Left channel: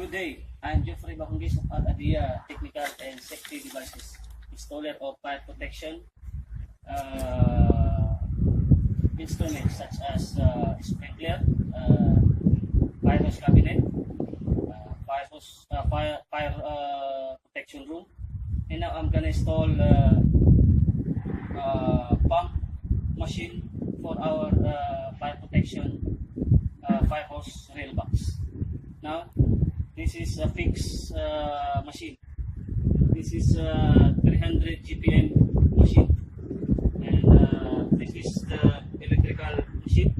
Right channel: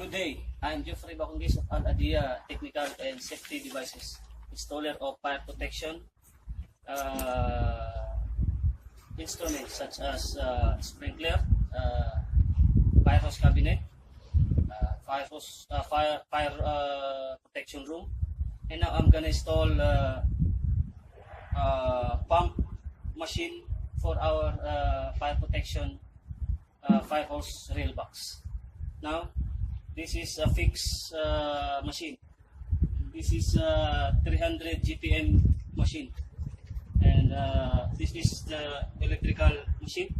Good day, I'm Deofrey baconguis of Addia Technical and Safety Devices, installer of fire protection instruments such as sprinkler, fire hose cabinet, fire protection room, and now I'm gonna install pump machine for our fire protection fire hose rail box. Now, this is a fixed machine. This is a 300 GPM machine, and this is the electrical machine,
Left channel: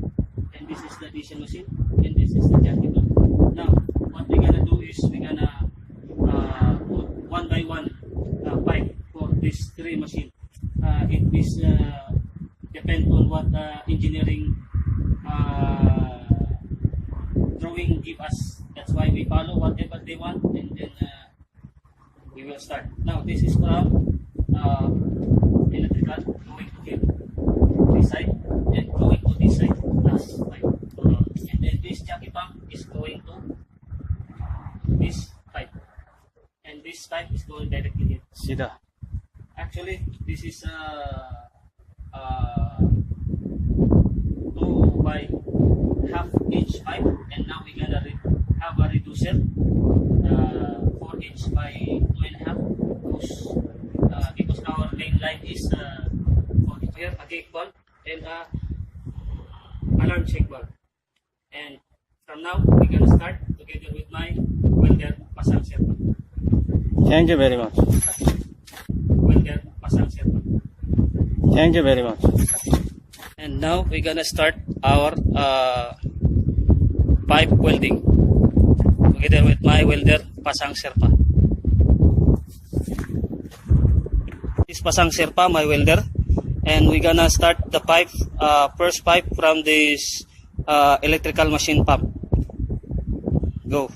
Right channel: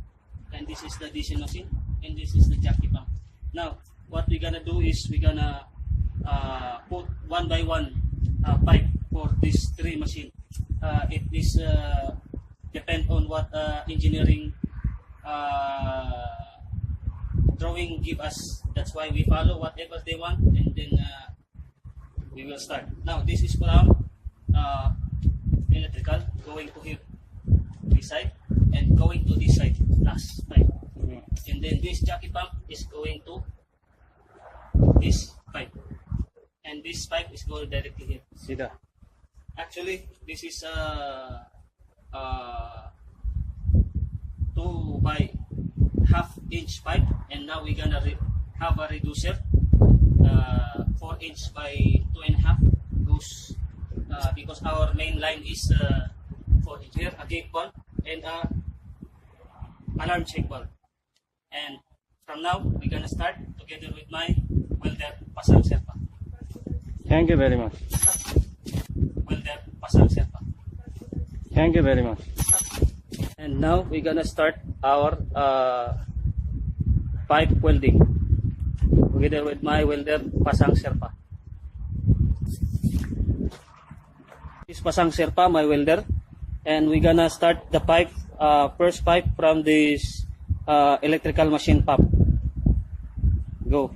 and this is the diesel machine, and this is the jockey pump. Now, what we're gonna do is we're gonna put one by one pipe for these three machines. It is depend on what engineering drawing give us. That's why we follow whatever they want, and then we will start. Now this is from electrical going to here, this side, and going to this side, last pipe. And then this jockey pump is going to this pipe, and this pipe is going directly here. Sida. Actually, this is 2 by half-inch pipe, and now we're gonna have a reducer 4" by 2.5 goes because our main line is for here a gate valve and a alarm check valve. And from now we're gonna start together with my welder pasang serpa. Thank you very much. Welder pasang serpa. Thank you very much. And now we're gonna start our pipe welding together with my welder pasang serpa. This pasang serpa, my welder, and we're gonna start the pipe, first pipe from this electrical machine pump. Go.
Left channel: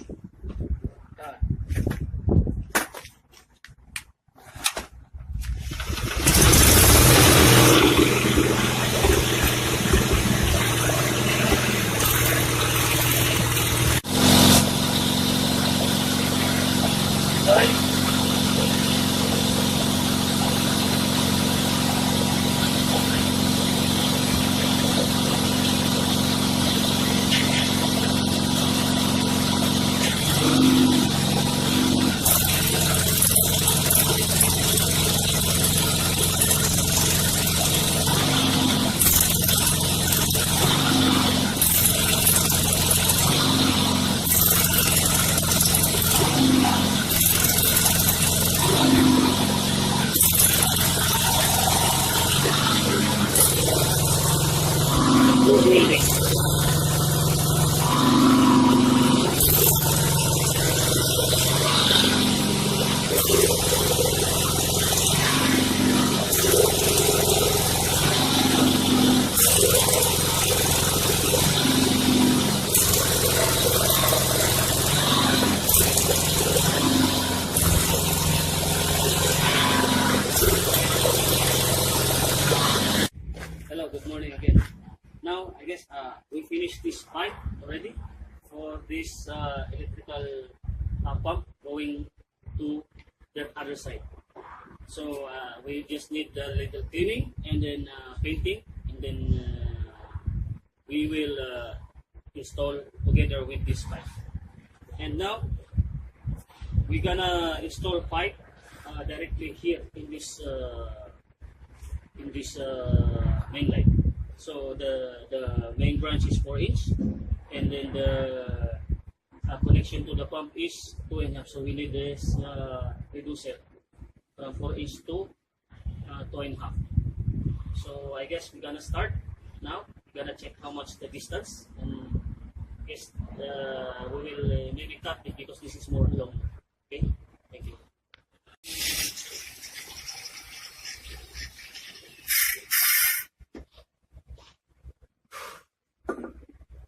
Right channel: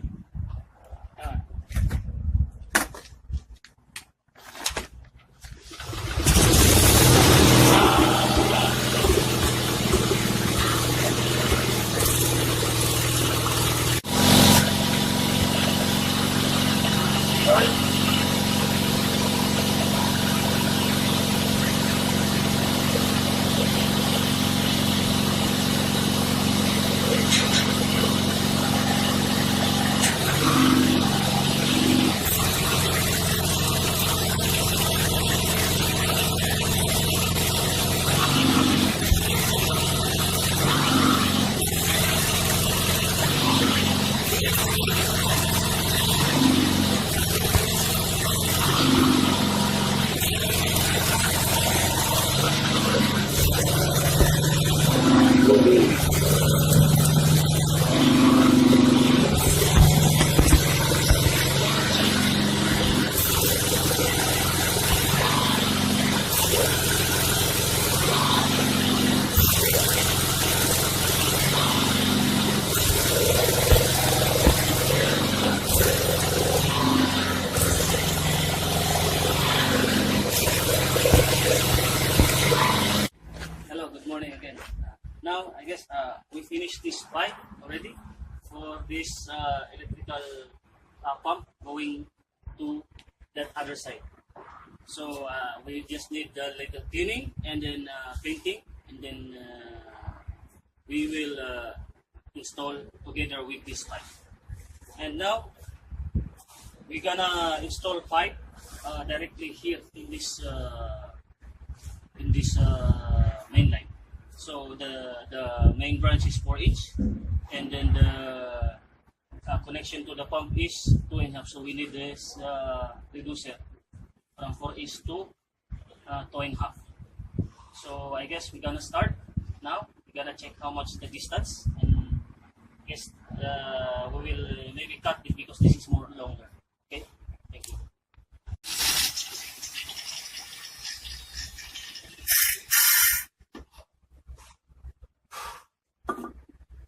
Hello, good morning again. Now, I guess we finished this pipe already for this electrical pump going to that other side. So we just need a little cleaning and then painting, and then we will install together with this pipe. And now we're gonna install pipe directly here in this main line. So the main branch is 4" and then the connection to the pump is 2.5. So we need this reducer from 4" to 2.5. So I guess we're gonna start now. We're gonna check how much the distance, and I guess we will maybe cut it because this is more longer. Okay, thank you.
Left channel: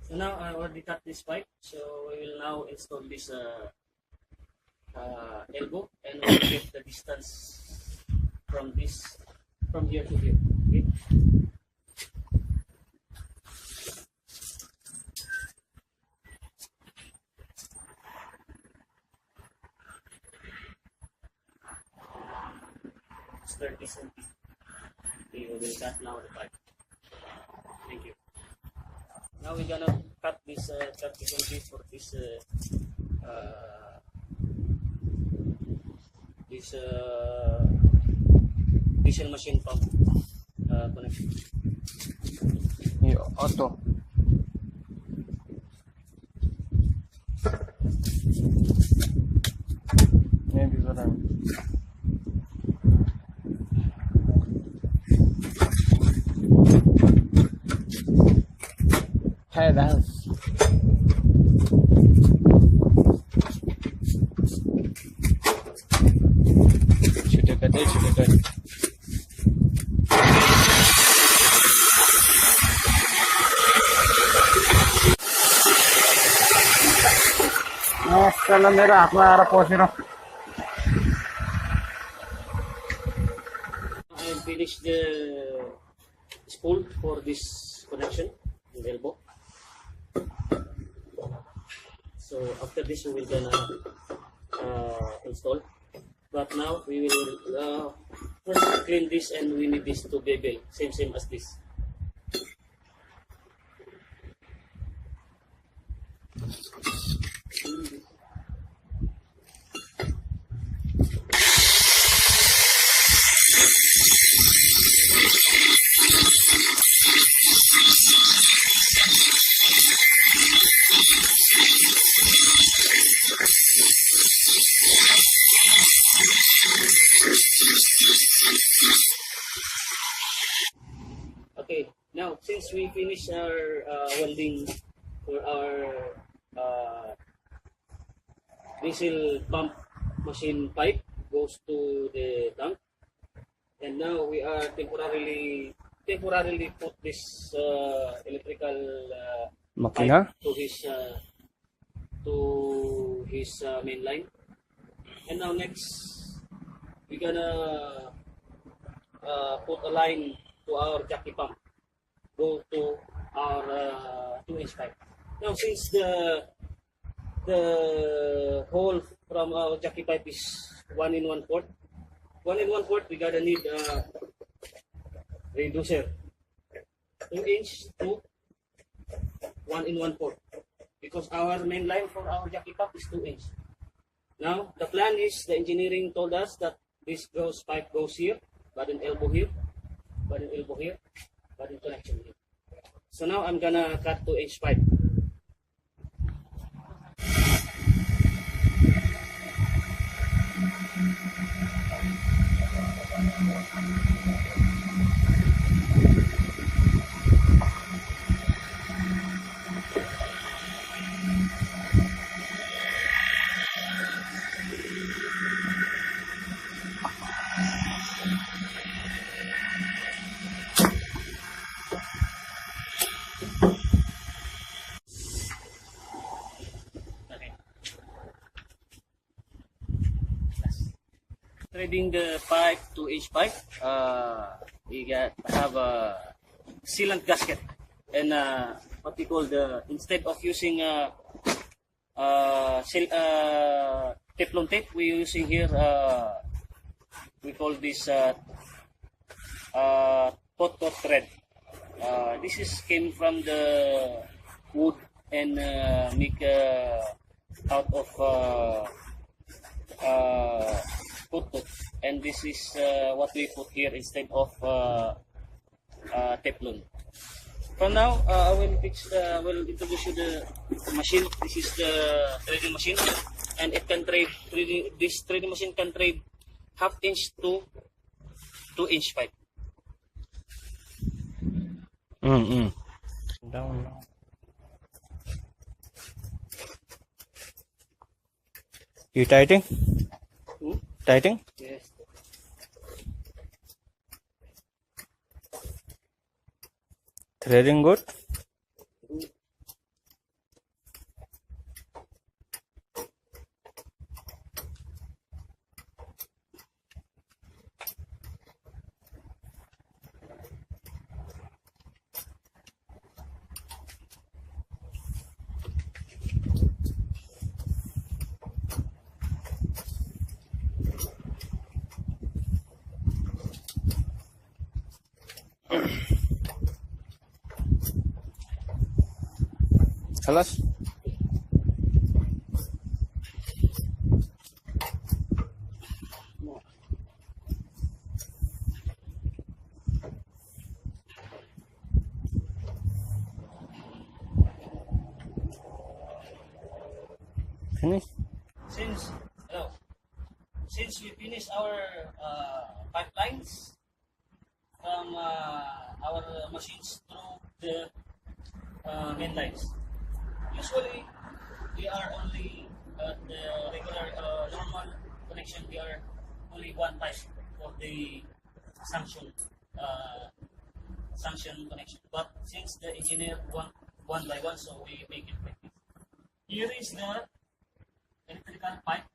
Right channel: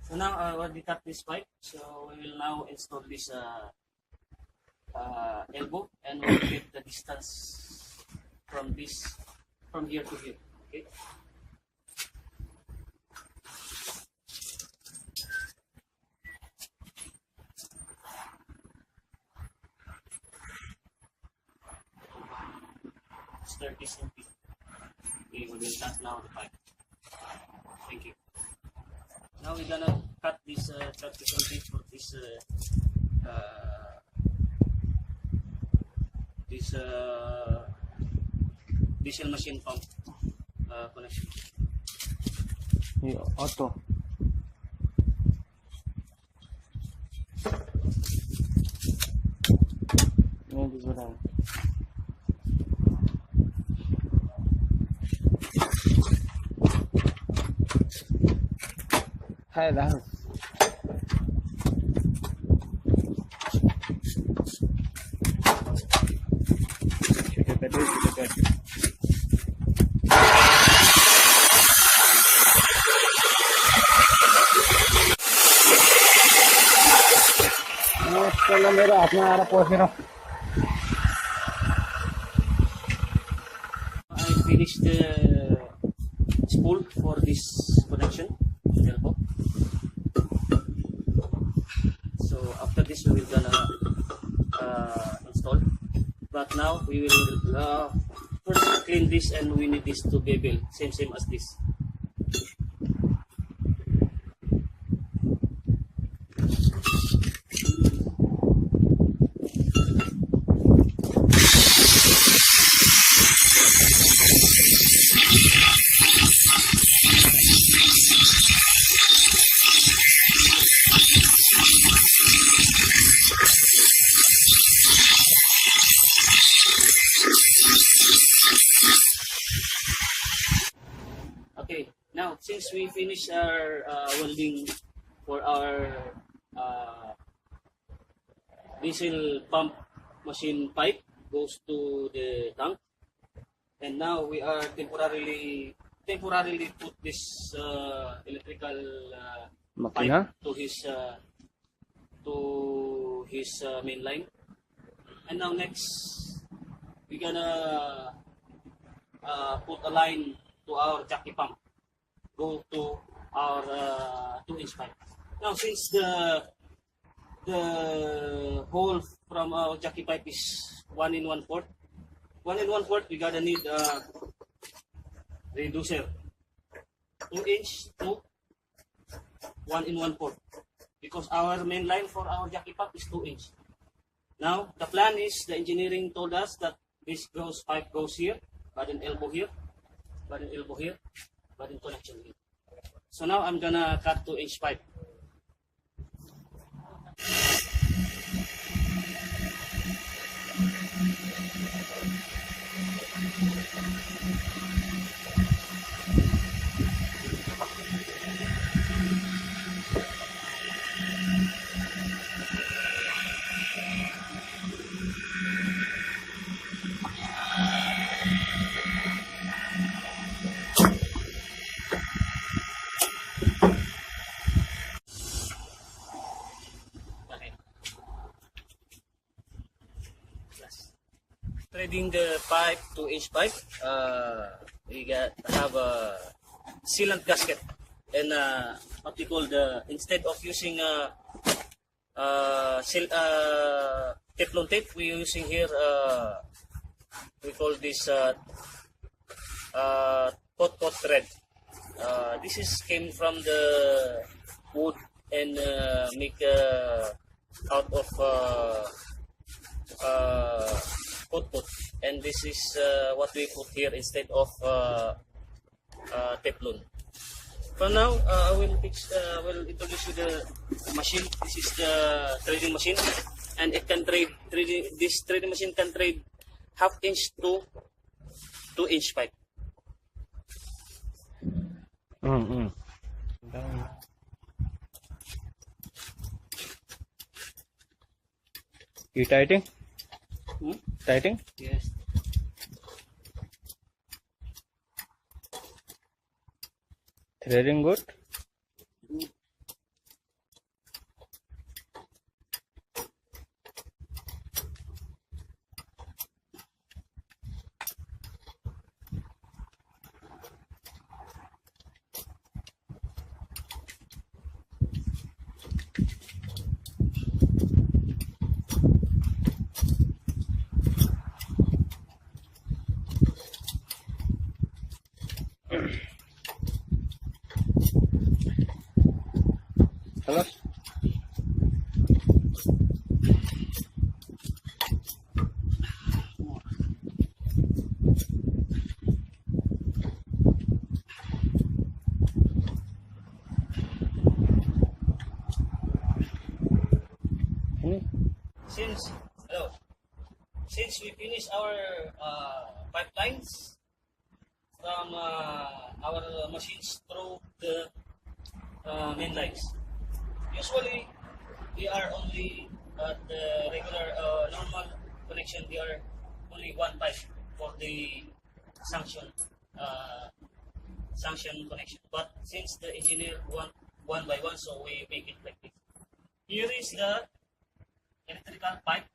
So now I already cut this pipe, so we will now install this elbow, and we'll get the distance from here to here. Okay. Okay, we will cut now the pipe. Thank you. Now we're gonna cut this 30 cm for this diesel machine pump connection. ये auto नहीं this one है dance छोटे cut चलो मेरे हाथ में आ रहा पहुंच रहा हूँ I finished the spool for this connection elbow. So after this we will gonna install. But now we will first clean this, and we need this to bevel same as this. Okay, now since we finish our welding for our diesel pump machine pipe goes to the tank, and now we are temporarily put this electrical Makina pipe to his main line. And now next we're gonna put a line to our jockey pump, go to our 2-inch pipe. Now since the hole from our jockey pipe is 1 1/4, we're gonna need a reducer 2-inch to 1 1/4, because our main line for our jockey pump is 2-inch. Now the plan is, the engineering told us that this pipe goes here, but an elbow here, but an elbow here, but in connection here. So now I'm gonna cut 2-inch pipe. Threading the pipe, 2-inch pipe, we have a sealant gasket, and what we call instead of using Teflon tape, we're using here we call this hot thread. This came from the wood and make out of hot, and this is what we put here instead of Teflon. From now, I will introduce you the machine. This is the threading machine, and it can trade this threading machine can trade 1/2 inch to 2-inch pipe. Down. You tightening? Tightening? Yes. Threading good? خلاص finish. Since we finish our pipelines from our machines through the main lines, usually we are only the regular normal connection. We are only one pipe for the sanction sanction connection. But since the engineer want one by one, so we make it like this. Here is the electrical pipe,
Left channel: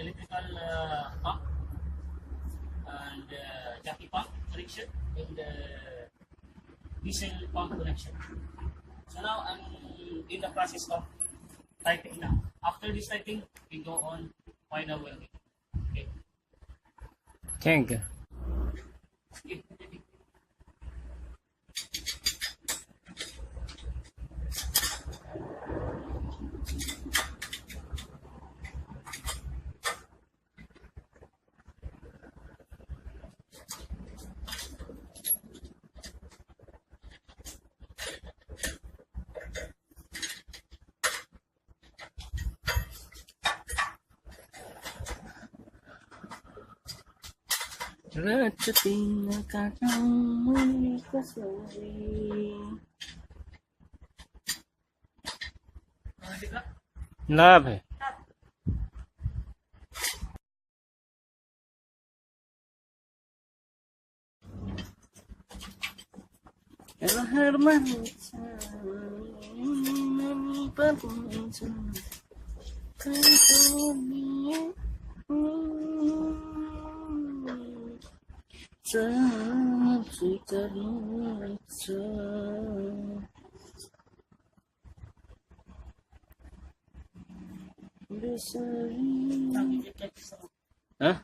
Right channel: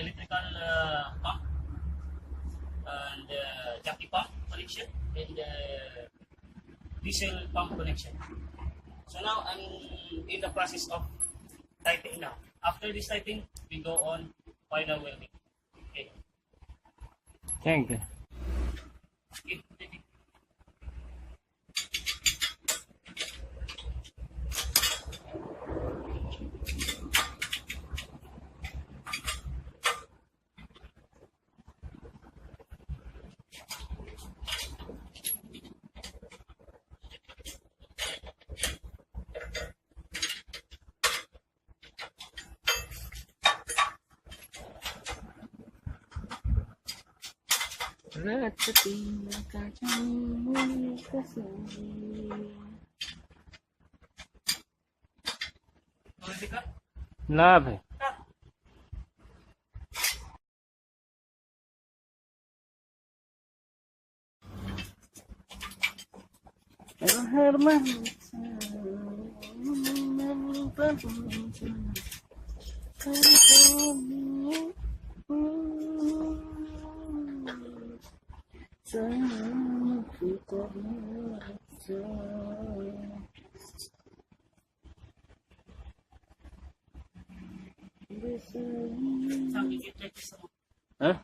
electrical pump, and jockey pump connection, and diesel pump connection. So now I'm in the process of typing now. After this typing, we go on final welding. Okay. Thank you. Okay. ना भाई Huh?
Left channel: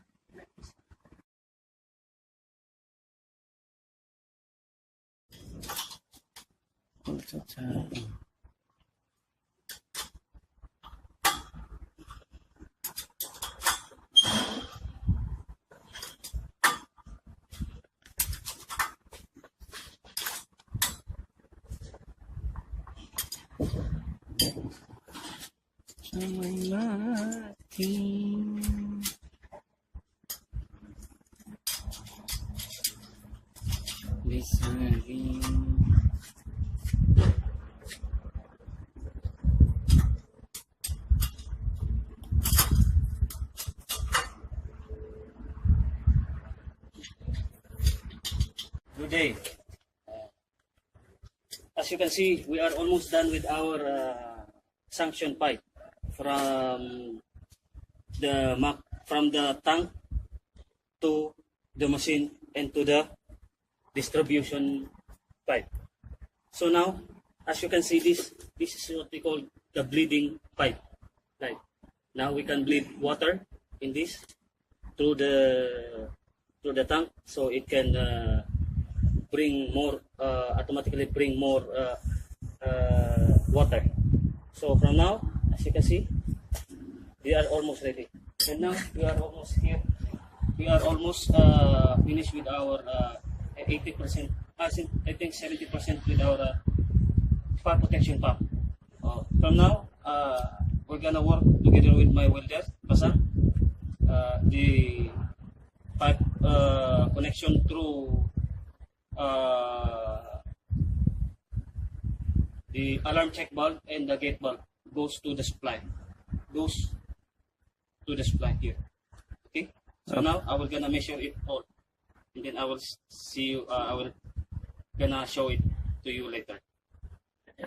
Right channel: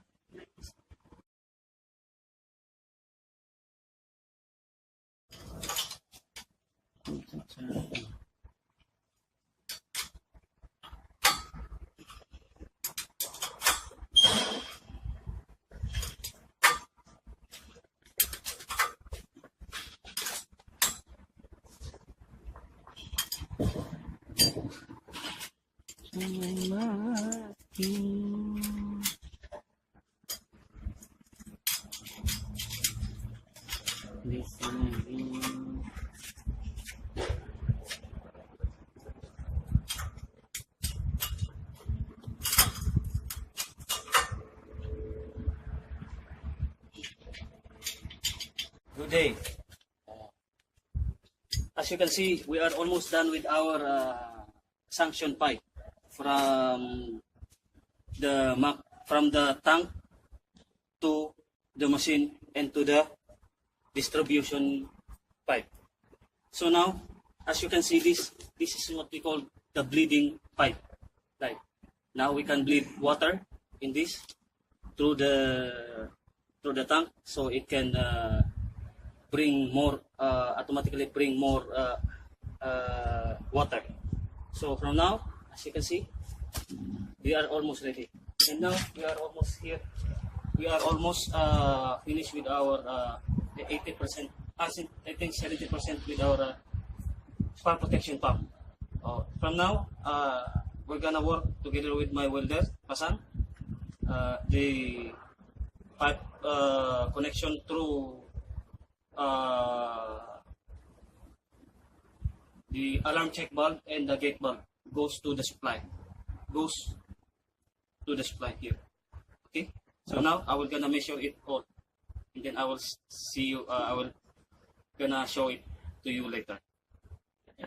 Good day. As you can see, we are almost done with our sanction pipe from the tank to the machine and to the distribution pipe. So now, as you can see, this is what we call the bleeding pipe. Like now we can bleed water in this through the tank, so it can bring more automatically bring more water. So from now, as you can see, we are almost ready, and now we are almost here. We are almost finished with our 80%, I think 70% with our fire protection pump. From now, we're gonna work together with my welder, Basan, the pipe connection through the alarm check bulb and the gate bulb goes to the supply here. Okay, so now I will gonna measure it all, and then I will see you. I will gonna show it to you later.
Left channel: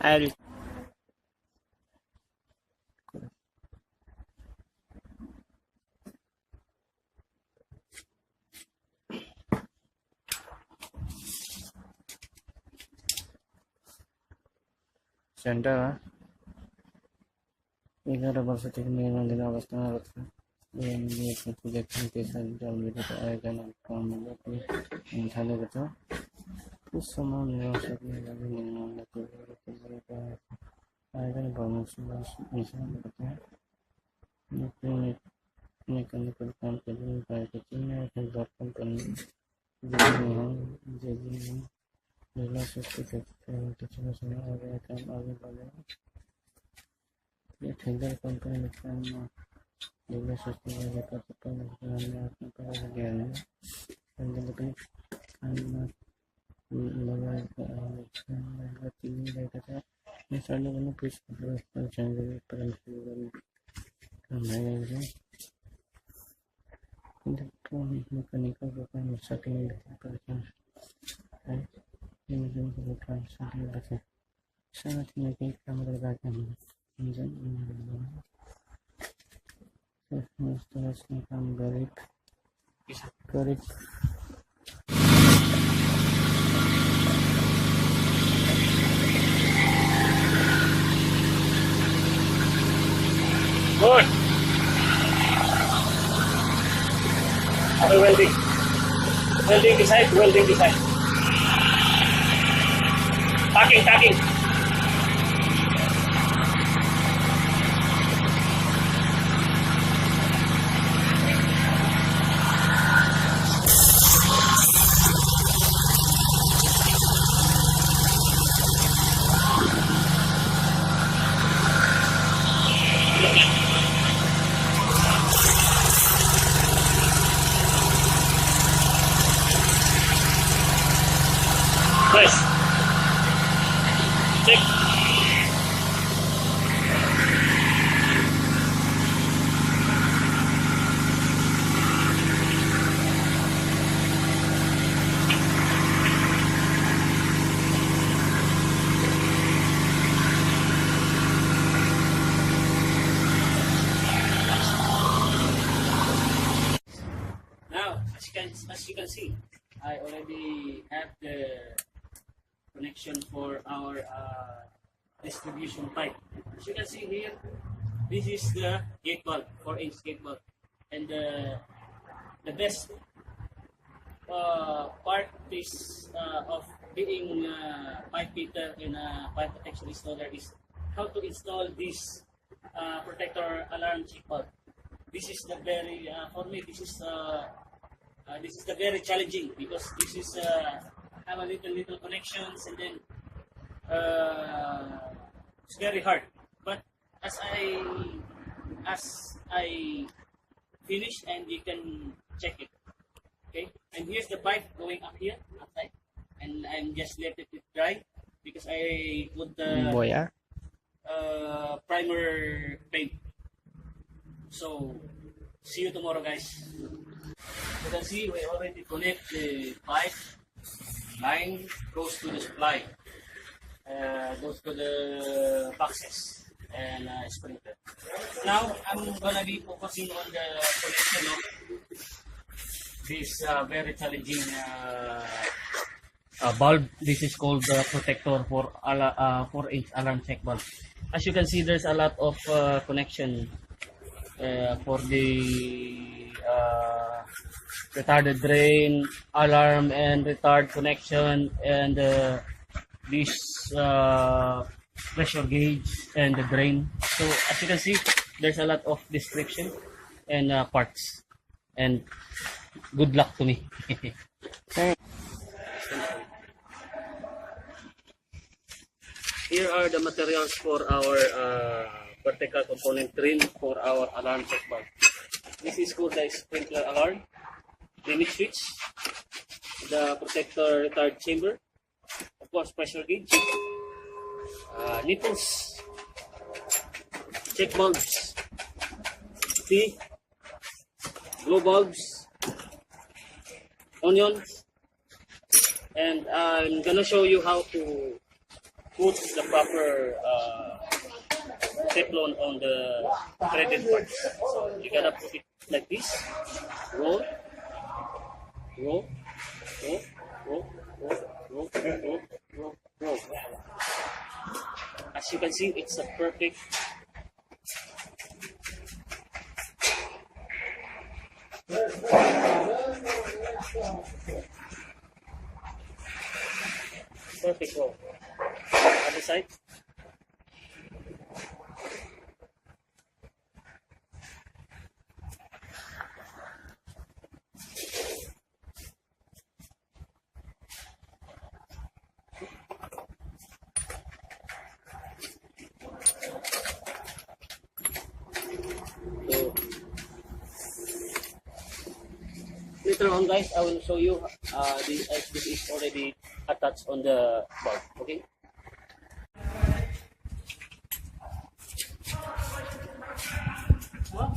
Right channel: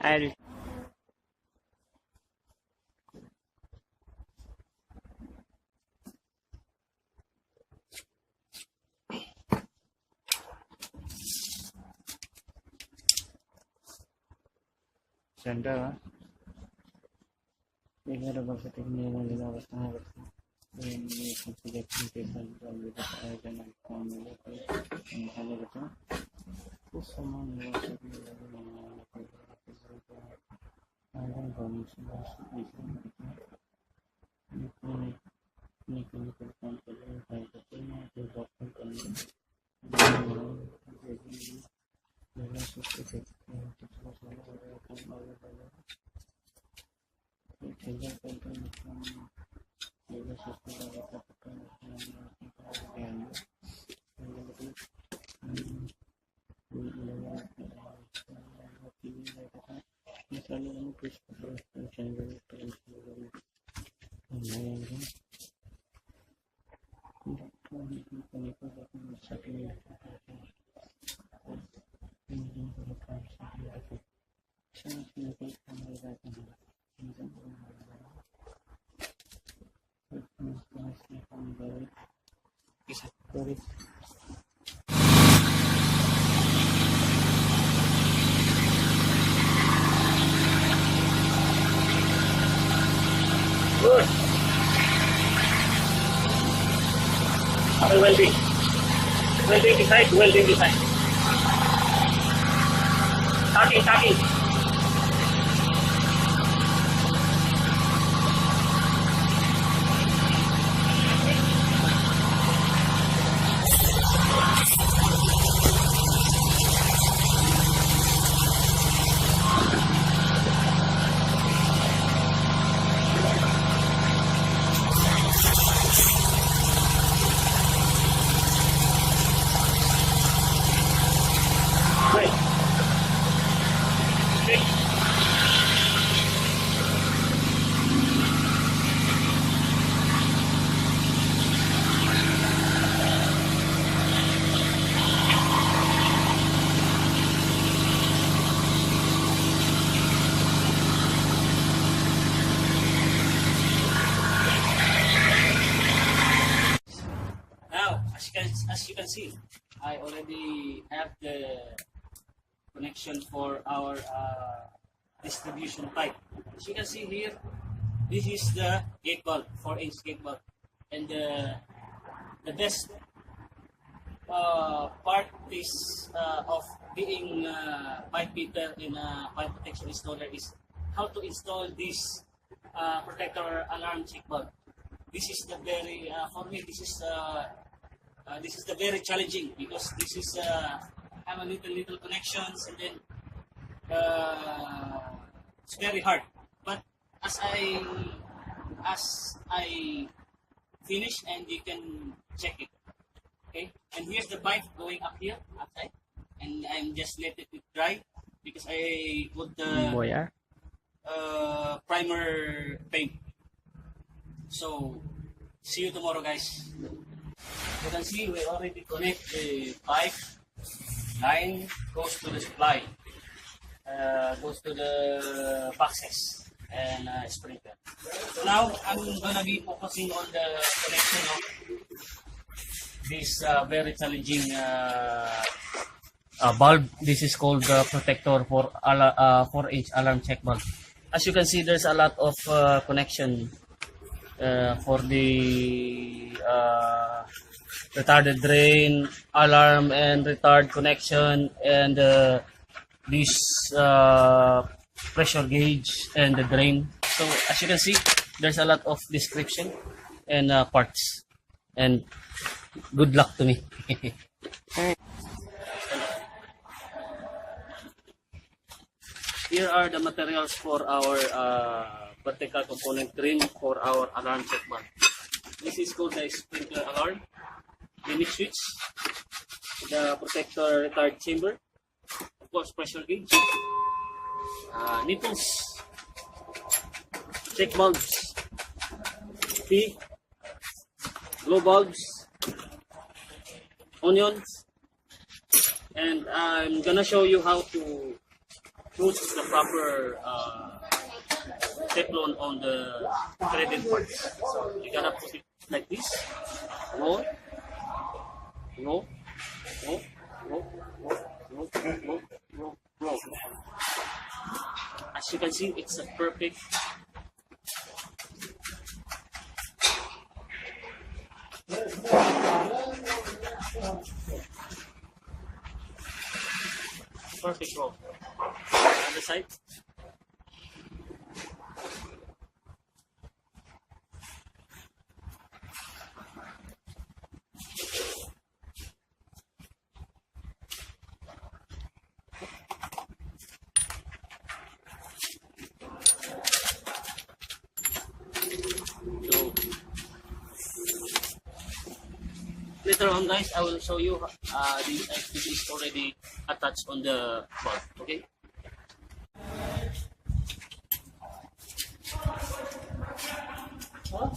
I'll Center 11 वर्ष तक निर्माण अवस्था में रखा ये project के साथ जल्दी आयोजन काम में थाने बचा Sama nilosot nila yung mga natulog. Ayan ba, minsan mechanical company, private develop company, engineering, nila certificate, sama area kan available. Tender company kan nila certificate kapag ng pagkakagyan. And then ilagay ka tingin ka misalnya kamu bisa jangan perempuan kemarin kan tidak pun mekanikal bukan saking perasaan ini bukan saking perasaan sangat mungkin kamu berbagai menjadi seterusnya kamu garip Good. Okay, welding. Welding beside. Tacking. Nice. Check. Now, as you can see, I already have the connection for our distribution pipe. As you can see here, this is the gate valve, 4-inch gate valve, and the best part is of being pipe fitter and pipe protection installer is how to install this protector alarm check valve. This is the very for me this is the very challenging because this is have a little connections and then it's very hard. But as I finish and you can check it. Okay, and here's the pipe going up here outside, and I'm just let it dry because I put the boya primer paint. So see you tomorrow, guys. You can see we already connect the pipe line goes to the supply, goes to the boxes and sprinkler. So now I'm gonna be focusing on the connection of this very challenging bulb. This is called the protector for 4-inch alarm check bulb. As you can see, there's a lot of connection for the retarded drain, alarm and retard connection, and this pressure gauge and the drain. So as you can see, there's a lot of description and parts, and good luck to me. Here are the materials for our vertical component trim for our alarm check bulb. This is called the sprinkler alarm, limit switch, the protector retard chamber, of course pressure gauge, nipples, check bulbs, T, glow bulbs, onions, and I'm gonna show you how to put the proper Teflon on the threaded parts. So you gotta put it like this, roll, roll, roll, roll, roll, roll, roll, roll, roll. As you can see, it's a perfect Perfect row. Other side. So later on, guys, I will show you this is already attached on the bulb. Okay. Huh?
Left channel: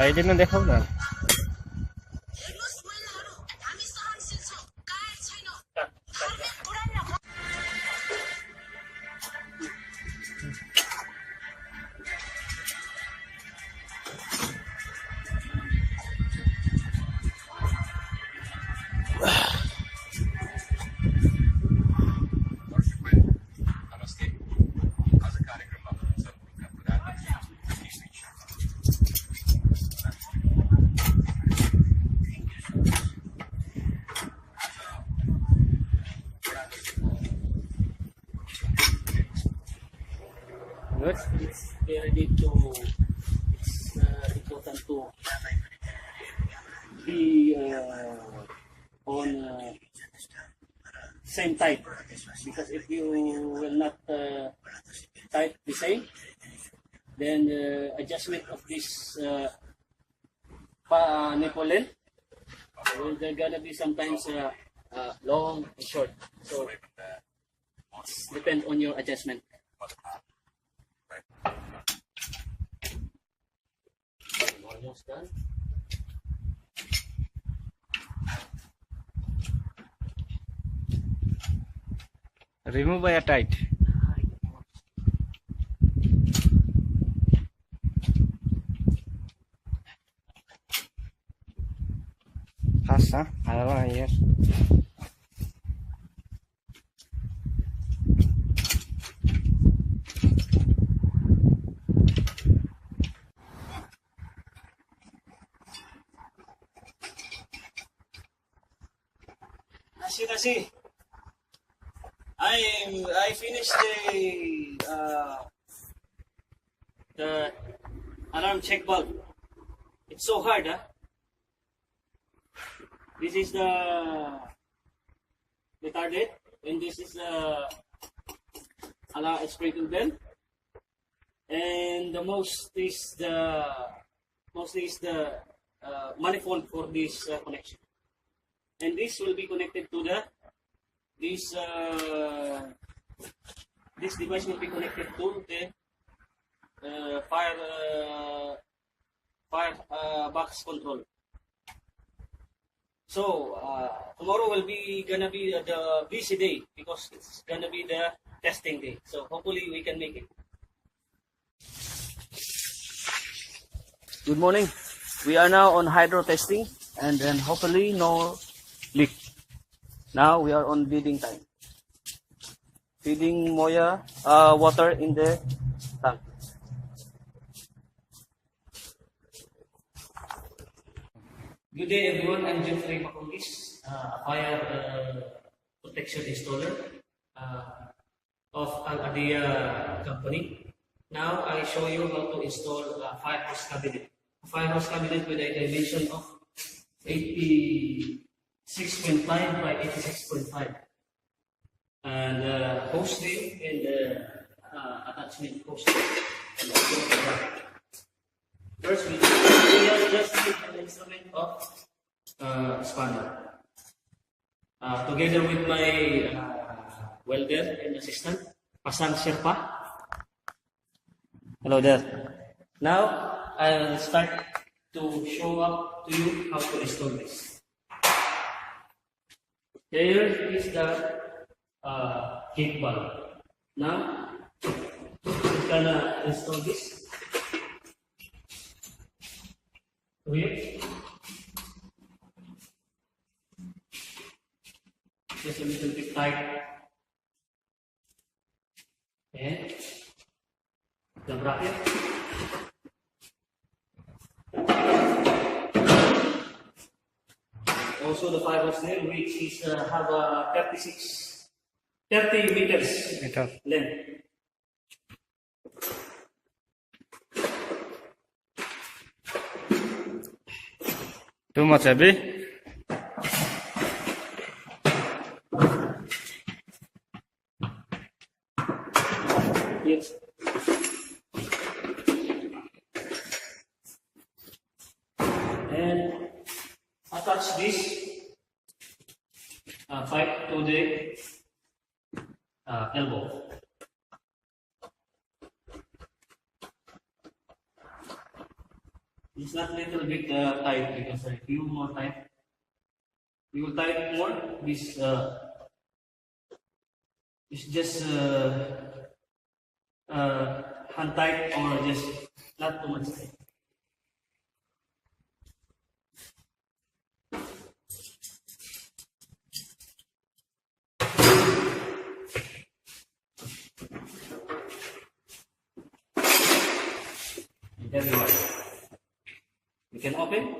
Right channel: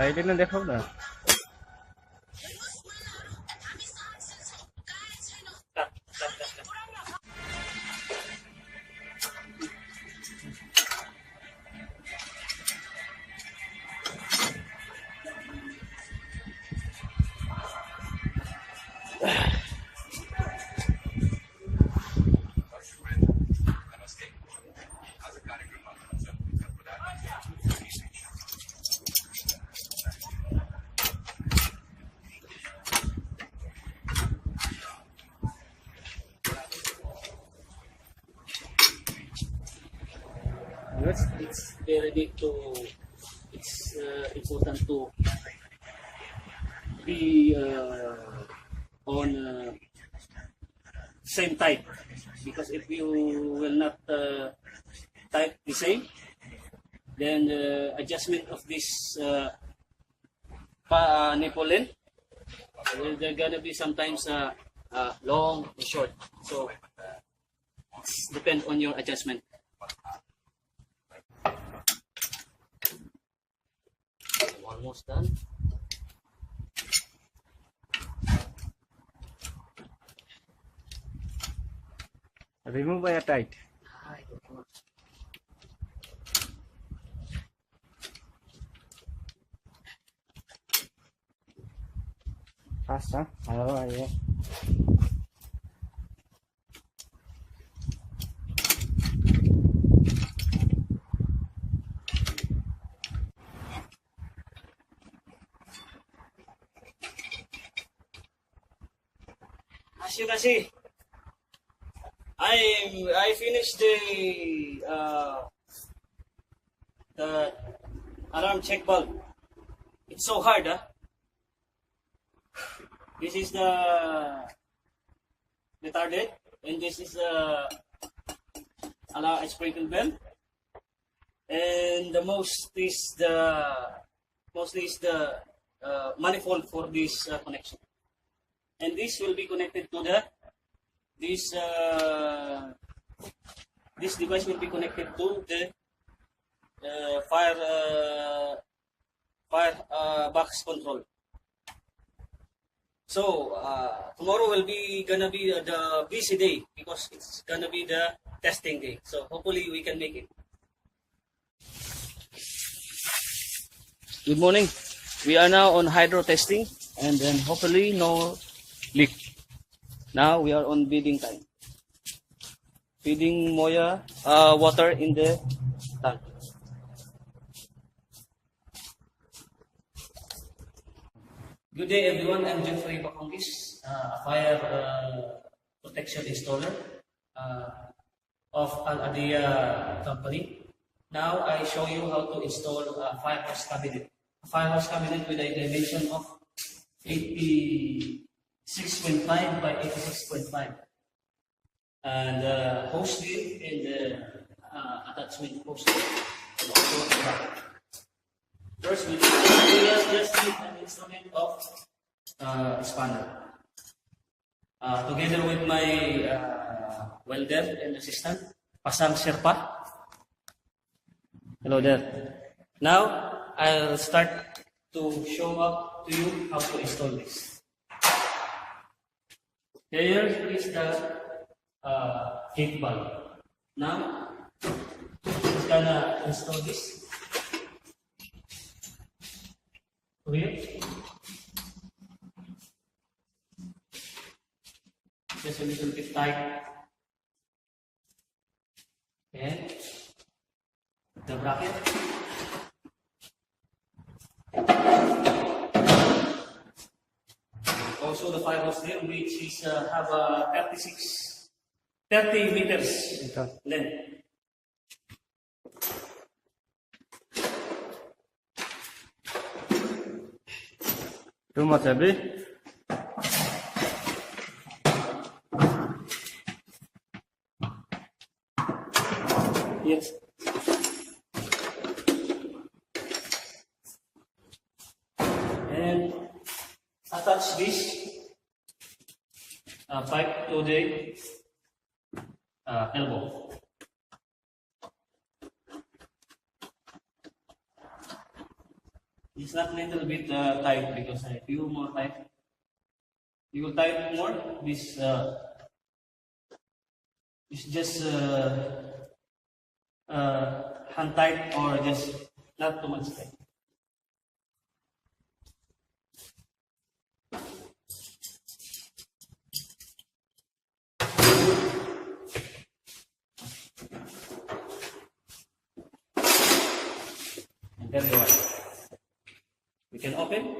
I didn't দেখো না It's very big to. It's important to be on same type, because if you will not type the same, then the adjustment of this nipple length, they're gonna be sometimes long and short. So it's depend on your adjustment. Almost done. remove by a tight fast I don't know here As you can see, I finished the alarm check bulb. It's so hard, huh? This is the retarded, and this is the alarm sprinkle bell, and the mostly is the manifold for this connection. And this will be connected to this device will be connected to the fire box control. So tomorrow will be gonna be the busy day, because it's gonna be the testing day. So hopefully we can make it. Good morning. We are now on hydro testing, and then hopefully no leak. Now we are on feeding time. Feeding Moya water in the tank. Good day everyone, I'm deofrey baconguis, a fire protection installer of Al-Adia company. Now I show you how to install a firehouse cabinet. A firehouse cabinet with a elevation of 86.5 by 86.5, and hose ring in the attachment hose ring. First, we just need an instrument of spanner. together with my welder and assistant, Pasang Sherpa. Hello there. Now, I'll start to show up to you how to install this. Here is the gate valve. Now, we're gonna install this. Here. Just a little bit tight. And the bracket. Also the fibers there, which is have a 30 meters length. Too much heavy? Yes. And attach this pipe to the elbow. It's not a little bit tight because if you more tight, you will tight more. This is just hand tight or just not too much tight. And there you are. You can open.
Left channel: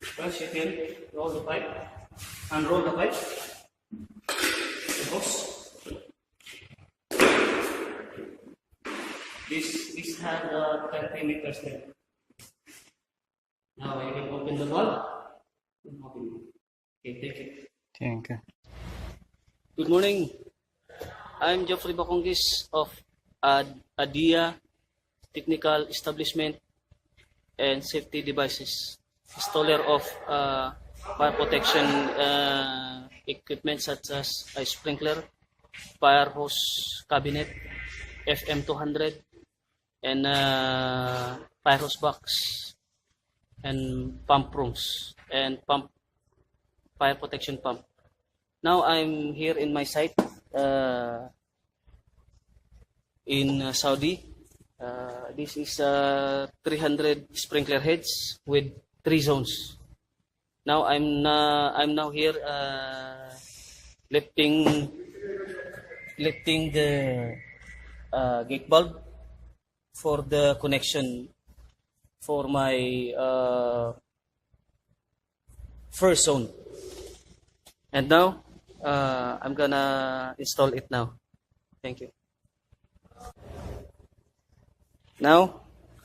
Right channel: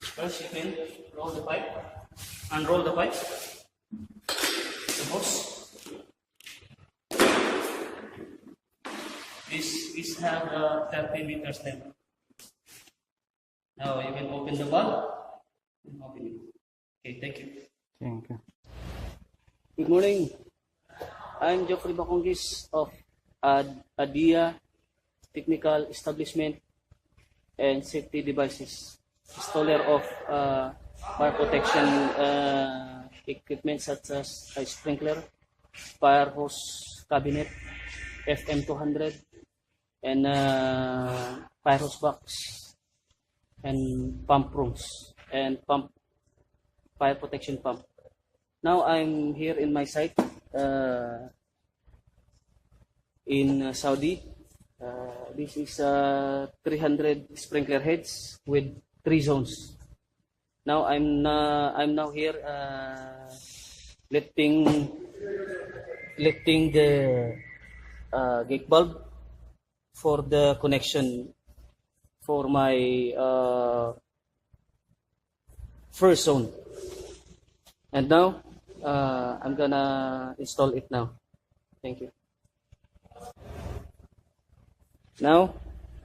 First you can roll the pipe, unroll the pipe, the hose. This has 30 meters length. Now you can open the valve. Open it. Okay, take it. Thank you. Good morning. I'm Deofrey Baconguis of ADIA Technical Establishment and Safety Devices, installer of fire protection equipment such as a sprinkler, fire hose cabinet, FM200, and fire hose box, and pump rooms, and fire protection pump. Now I'm here in my site in Saudi. This is 300 sprinkler heads with 3 zones. Now I'm now here lifting the gate bulb for the connection for my first zone. And now I'm gonna install it now. Thank you. Now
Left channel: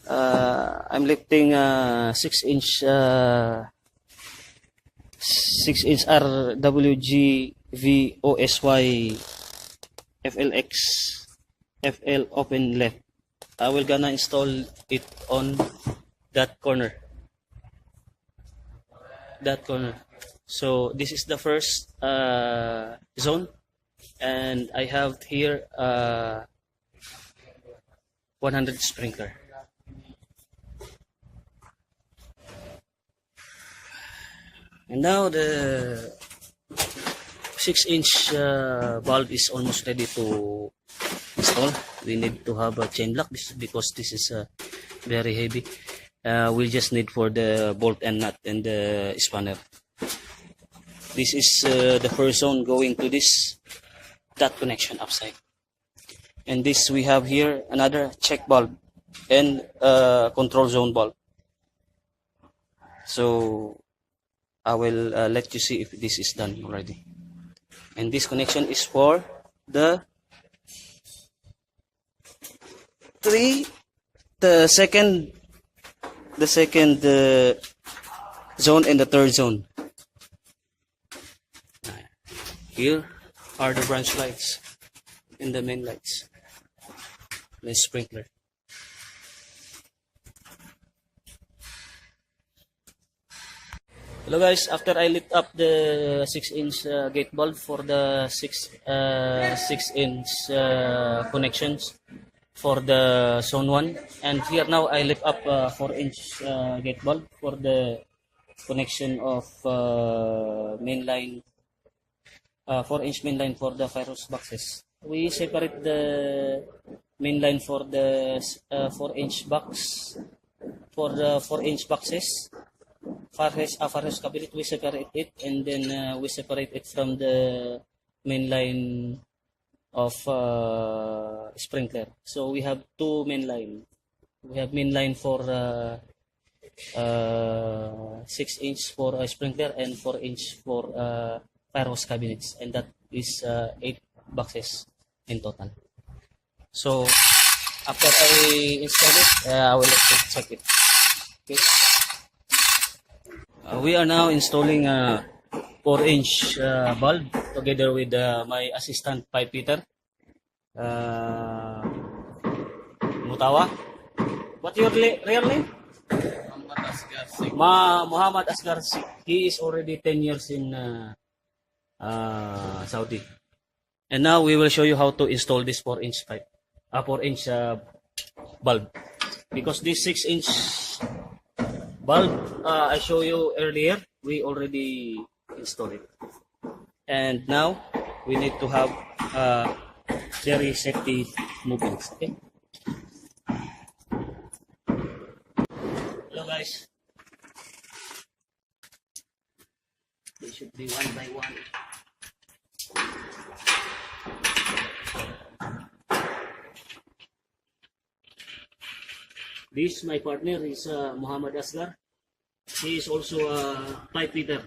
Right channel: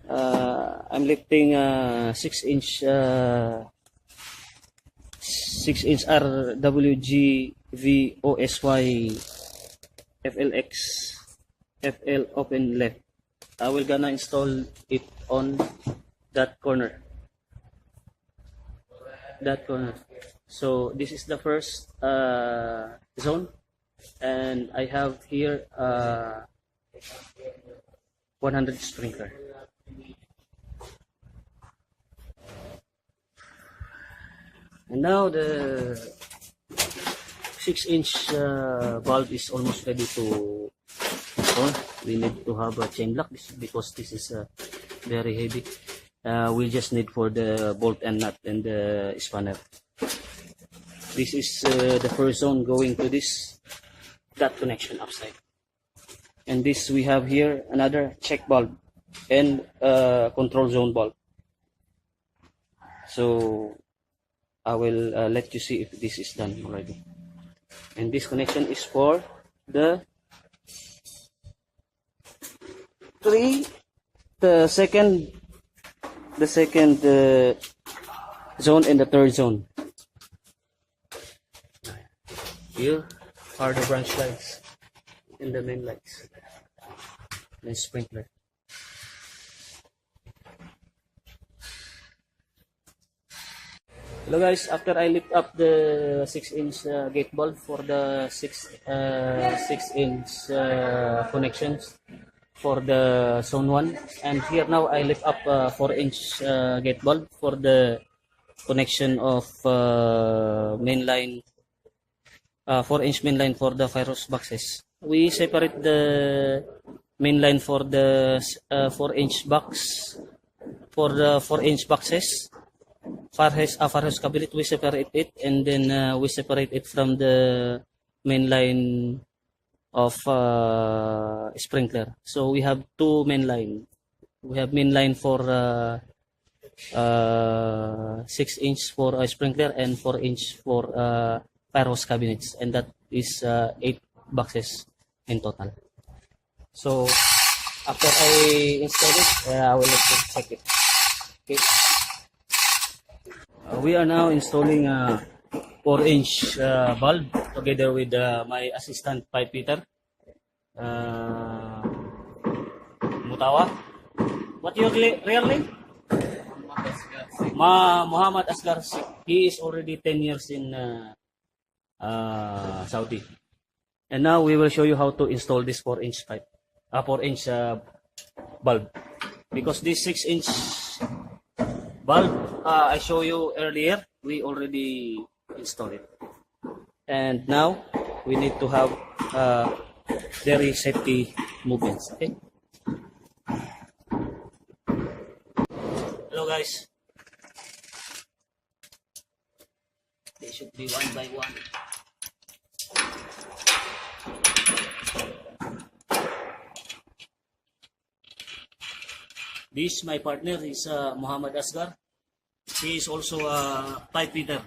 I'm lifting 6-inch RWG-VOSY FLX FL open left. I will gonna install it on that corner. So this is the first zone, and I have here 100 sprinkler. And now the 6-inch valve is almost ready to install. We need to have a chain lock because this is very heavy. We just need for the bolt and nut and the spanner. This is the first zone going to that connection upside. And this we have here another check bulb and control zone bulb. So I will let you see if this is done already. And this connection is for the second zone and the third zone. Here are the branch lights and the main lights. The sprinkler. Hello guys, after I lit up the 6-inch gate bulb for the 6-inch connections for the zone 1, and here now I lit up 4-inch gate bulb for the connection of mainline 4-inch mainline for the fire hose boxes. We separate the mainline for the 4-inch box for the 4-inch boxes. Fire hose cabinet, we separate it, and then we separate it from the main line of sprinkler. So we have two main line. We have main line for 6-inch for sprinkler and 4-inch for fire hose cabinets, and that is 8 boxes in total. So after I install it, I will check it. Okay. We are now installing a 4-inch bulb together with my assistant pipe fitter, Mutawa. What your real name? Muhammad Asgar. He is already 10 years in Saudi. And now we will show you how to install this 4-inch pipe, 4-inch bulb. Because this 6-inch bulb I show you earlier, we already installed it. And now we need to have very safety movements. Okay. Hello guys. They should be one by one. This my partner is Muhammad Asgar. He is also a pipe fitter.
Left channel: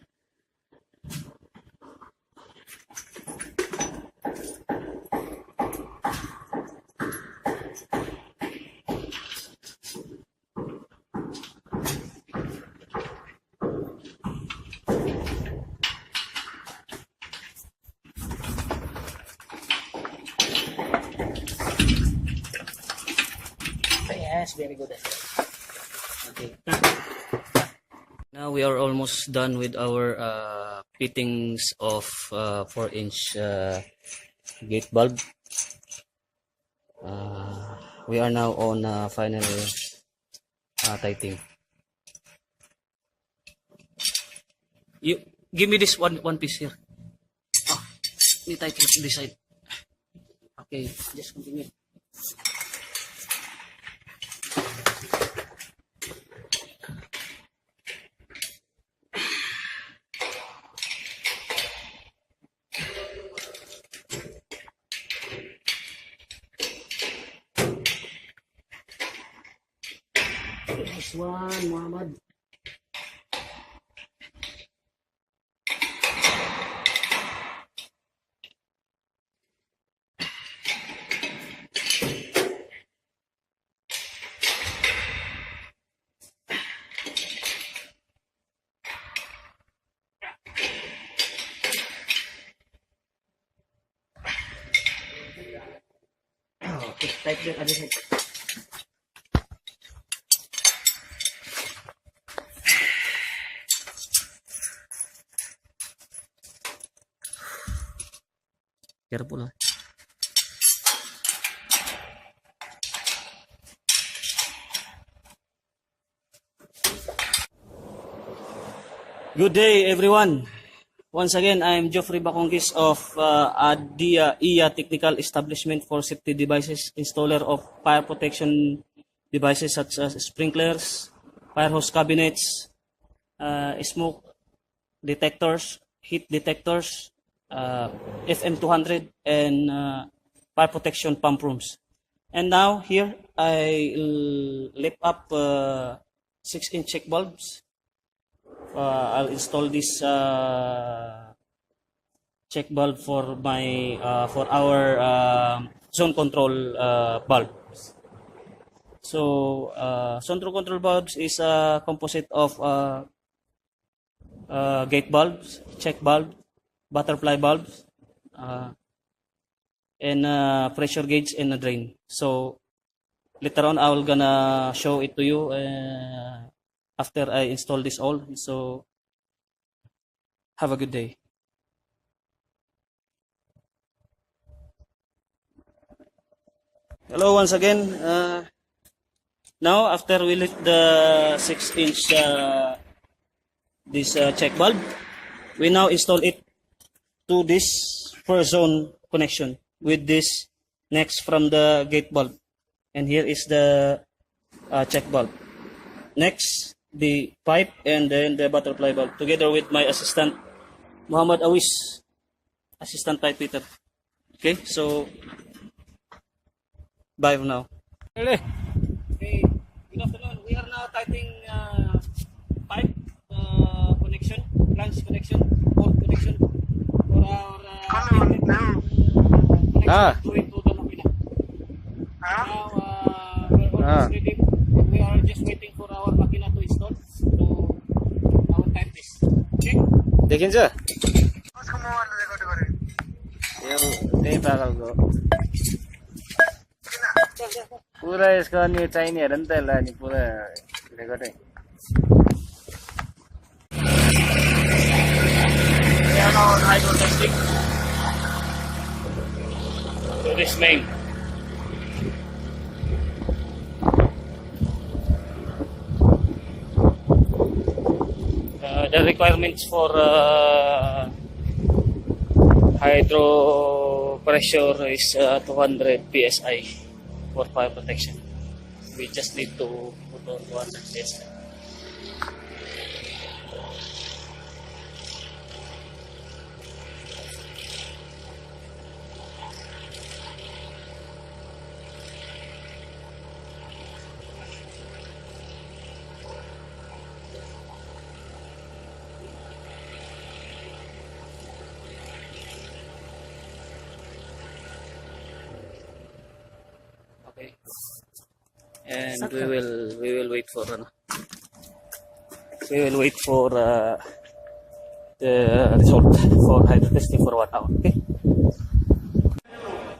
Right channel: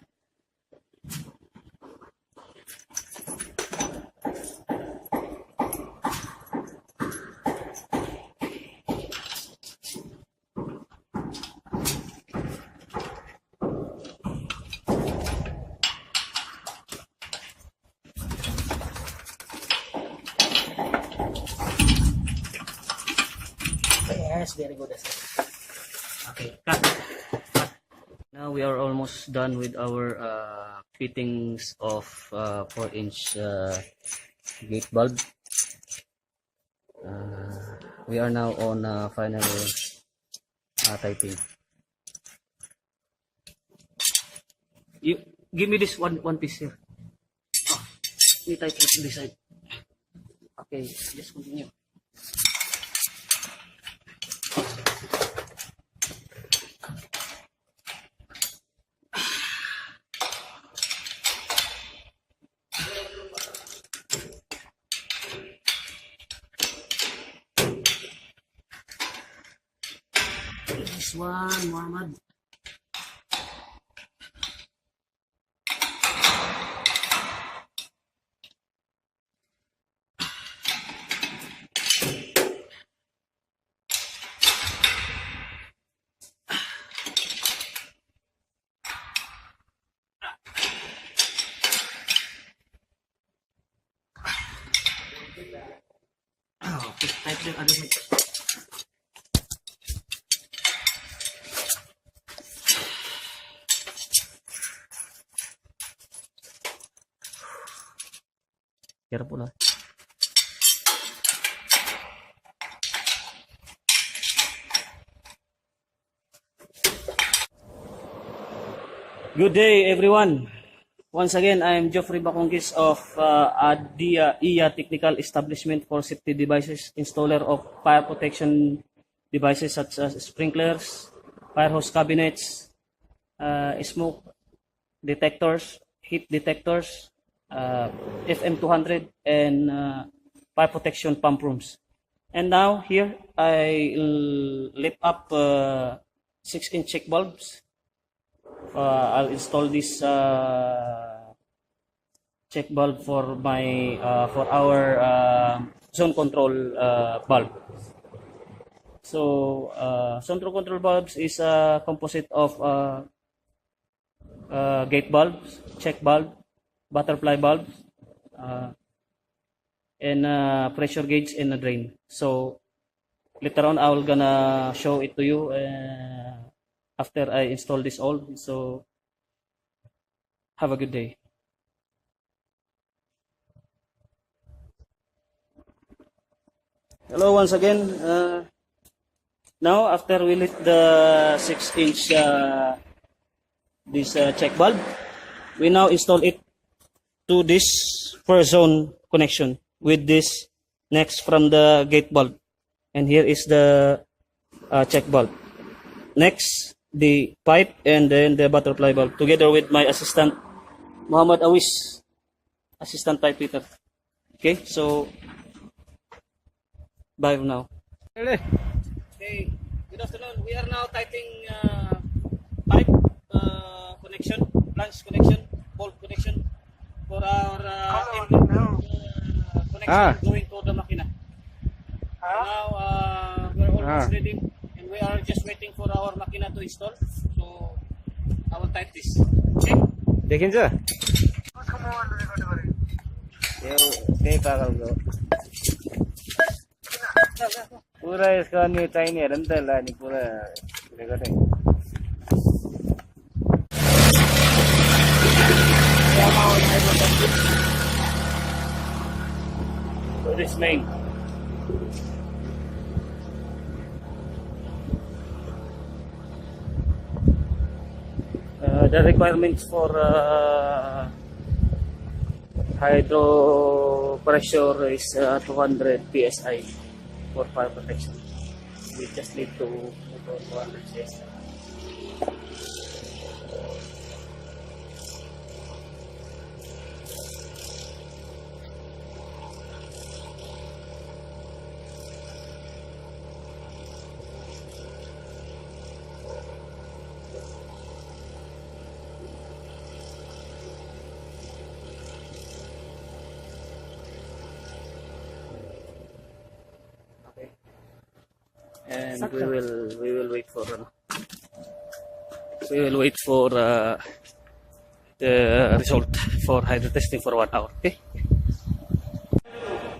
Yes, very good. Okay, cut. Now we are almost done with our fittings of 4-inch gate bulb. We are now on final tightening. You give me this one piece here. Oh, we tighten it this side. Okay, just continue. This one, Muhammad. Okay, type the other side. Careful. Good day, everyone. Once again, I am deofrey baconguis of ADIA Technical Establishment for Safety Devices, installer of fire protection devices such as sprinklers, fire hose cabinets, smoke detectors, heat detectors, FM200, and fire protection pump rooms. And now here I lift up 6-inch check bulbs. I'll install this check bulb for my for our zone control bulb. So zone control bulbs is a composite of gate bulbs, check bulb, butterfly bulbs, and pressure gauge and a drain. So later on I will gonna show it to you after I install this all. So Have a good day. Hello once again. Now after we lit the 6-inch this check valve, we now install it to this first zone connection with this next from the gate valve, and here is the check valve. Next, the pipe, and then the butterfly valve, together with my assistant Muhammad Awis, assistant pipe fitter. Okay, so bye for now. Okay, good afternoon. We are now tightening pipe connection, branch connection, bolt connection for our connection going to the makina. Now we're almost ready, and we are just waiting for our makina to install. So I will type this. Okay? देखिन्छ यो त्यही पागलको पुरा यसको अनि चाहिने हेर नि त यसलाई अनि पुरा रेकर्डै Hydro testing. So this main. The requirements for hydro pressure is 200 psi for fire protection. We just need to put on 200 psi. Okay, and we will wait for the result for hydro testing for 1 hour. Okay.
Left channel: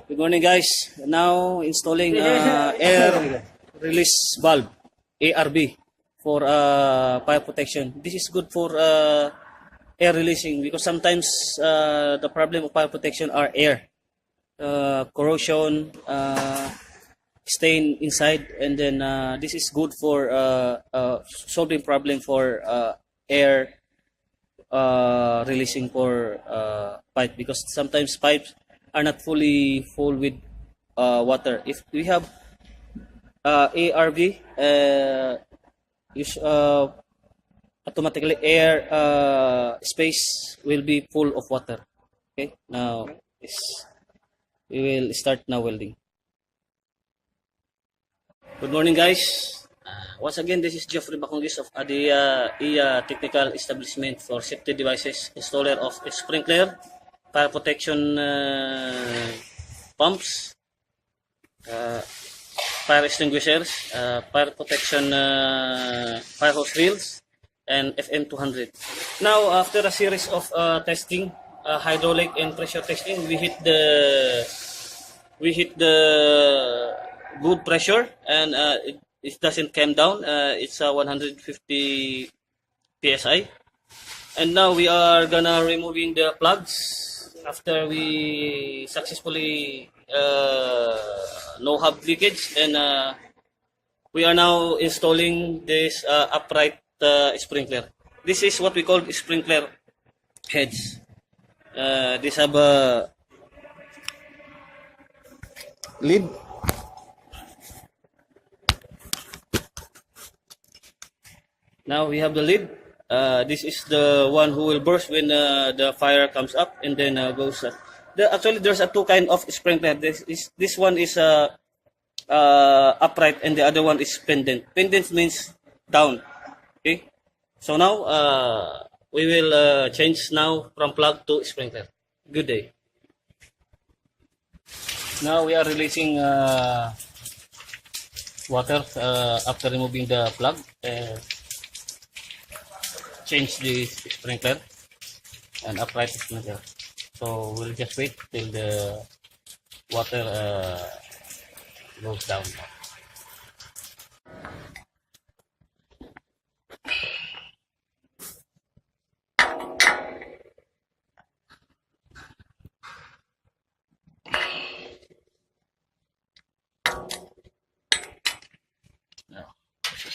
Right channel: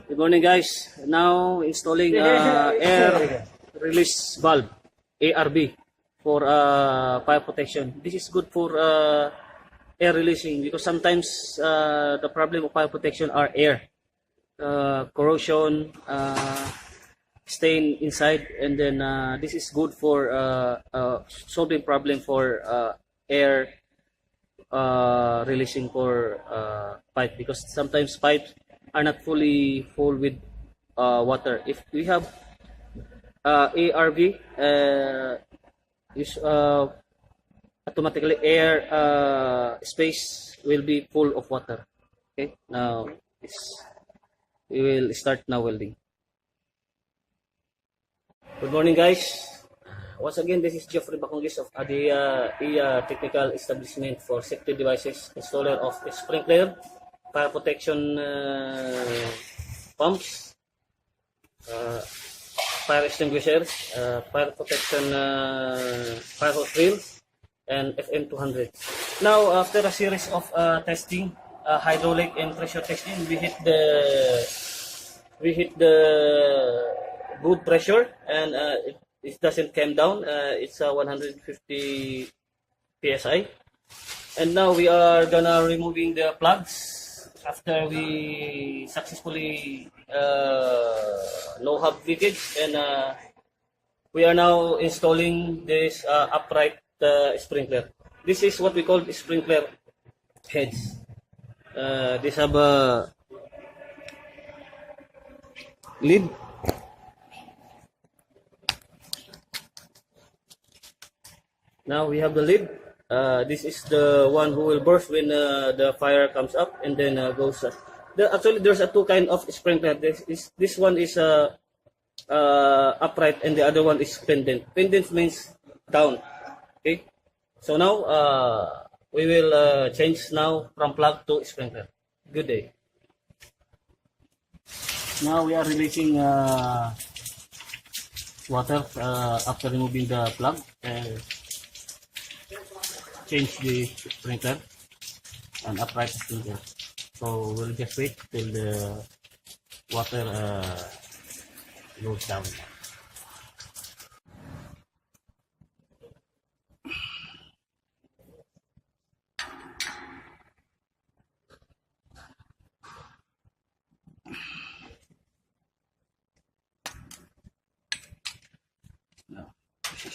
Good morning, guys. Now installing air release valve (ARV) for fire protection. This is good for air releasing, because sometimes the problem of fire protection are air corrosion, stain inside, and then this is good for solving problem for air releasing for pipe, because sometimes pipes are not fully full with water. If we have ARV, automatically air space will be full of water. Okay, now we will start now welding. Good morning, guys. Once again, this is Deofrey baconguis of Adia Technical Establishment for Safety Devices, installer of sprinkler, fire protection pumps, fire extinguishers, fire protection fire hose reels, and FM200. Now, after a series of testing, hydraulic and pressure testing, we hit the good pressure, and it doesn't come down. It's 150 psi, and now we are gonna removing the plugs after we successfully no hub leakage, and we are now installing this upright sprinkler. This is what we call sprinkler heads. These have a lid. Now we have the lid. This is the one who will burst when the fire comes up, and then goes. Actually, there's two kind of sprinkler. This one is upright, and the other one is pendant. Pendant means down. Okay. So now we will change now from plug to sprinkler. Good day. Now we are releasing water after removing the plug. Change the sprinkler and upright sprinkler. So we'll just wait till the water goes down.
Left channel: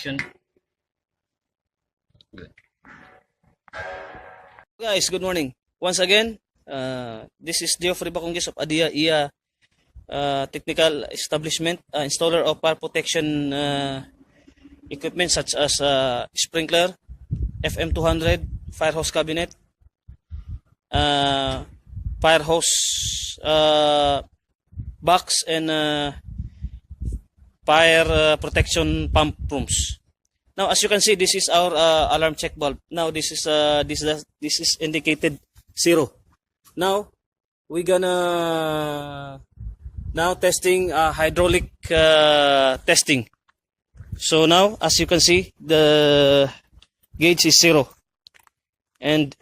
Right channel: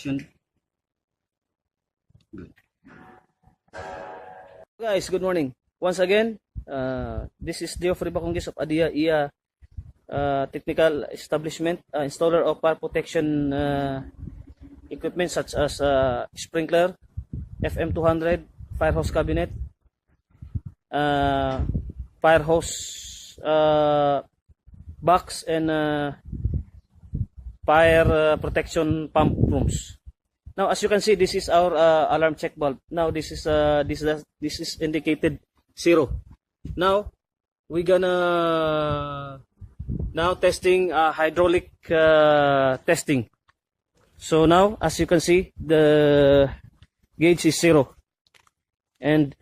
protection. Good. Guys, good morning. Once again, this is deofrey baconguis of Adia IA Technical Establishment, installer of fire protection equipment such as sprinkler, FM200, fire hose cabinet, fire hose box, and fire protection pump rooms. Now, as you can see, this is our alarm check valve. Now, this is indicated 0. Now, we're gonna now testing hydraulic testing. So now, as you can see, the gauge is 0, and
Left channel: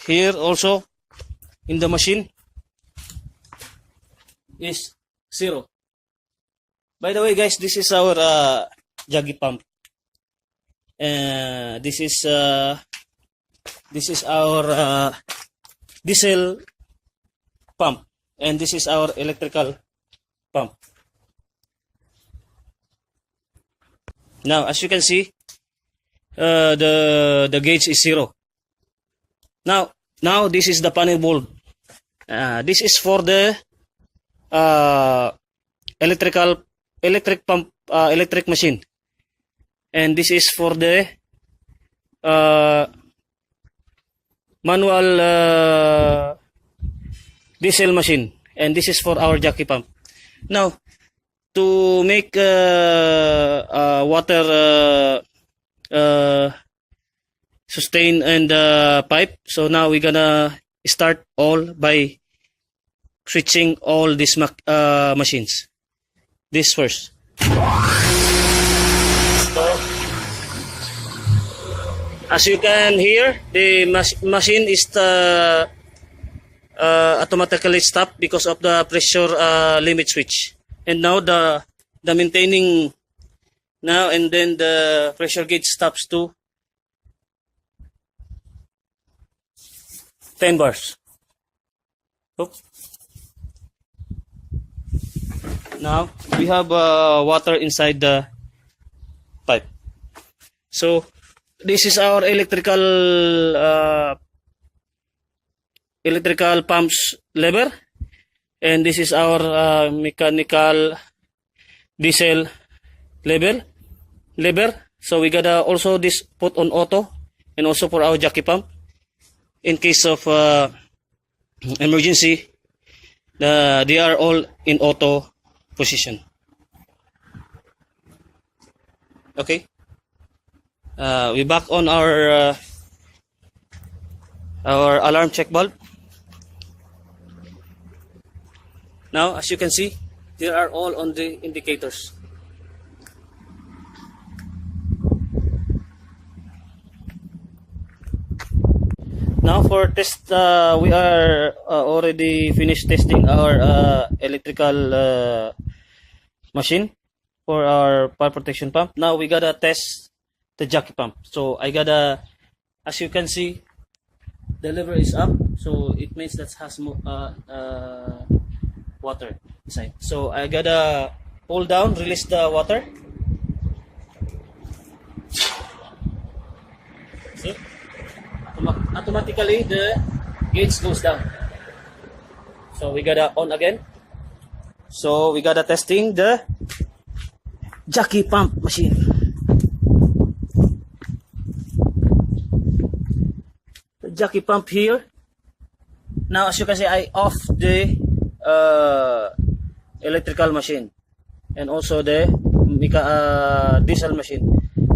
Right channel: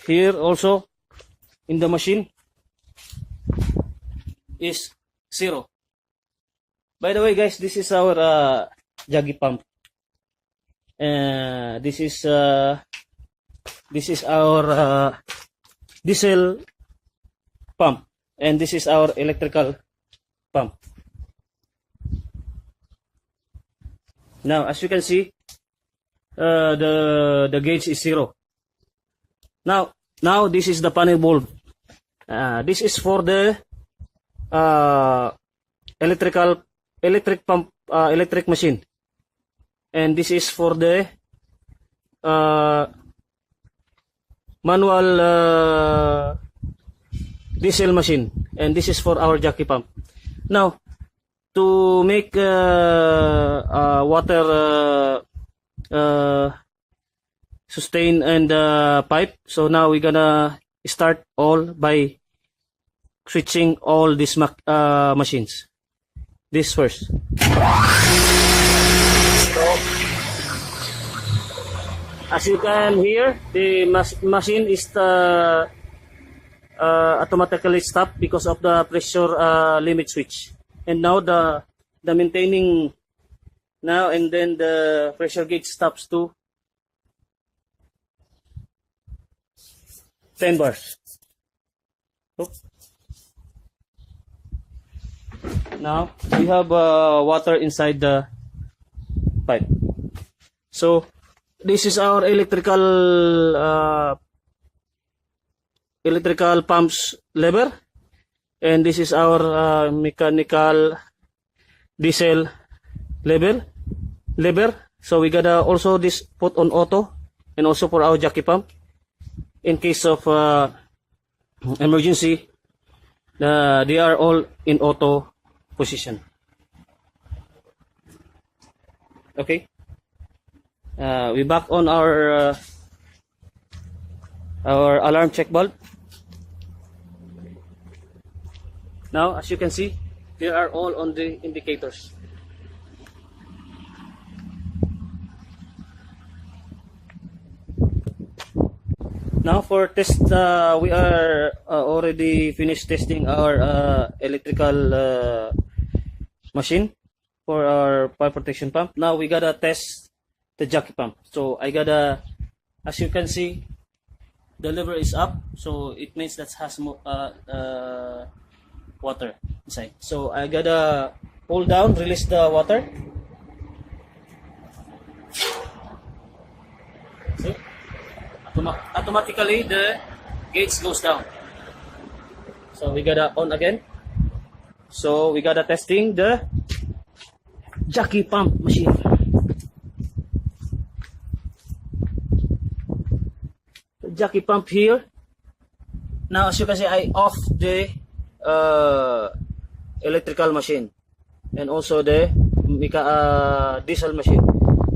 here also in the machine is 0. By the way, guys, this is our juggy pump. This is our diesel pump, and this is our electrical pump. Now, as you can see, the gauge is 0. Now this is the panel bulb. This is for the electric pump, electric machine, and this is for the manual diesel machine, and this is for our jockey pump. Now, to make water sustain and pipe, so now we're gonna start all by switching all these machines. This first. So, as you can hear, the machine is automatically stopped because of the pressure limit switch. And now the maintaining now, and then the pressure gauge stops to 10 bars. Oops. Now we have water inside the pipe. So this is our electrical pumps lever, and this is our mechanical diesel lever. So we gotta also this put on auto, and also for our jockey pump in case of emergency. They are all in auto position. Okay, we back on our alarm check bulb. Now, as you can see, they are all on the indicators. Now for test, we are already finished testing our electrical machine for our fire protection pump. Now we gotta test the jockey pump. So I gotta, as you can see, the lever is up, so it means that has water inside. So I gotta pull down, release the water. See? Automatically the gauge goes down. So we gotta on again. So we gotta testing the jockey pump machine. The jockey pump here. Now, as you can see, I off the electrical machine and also the diesel machine.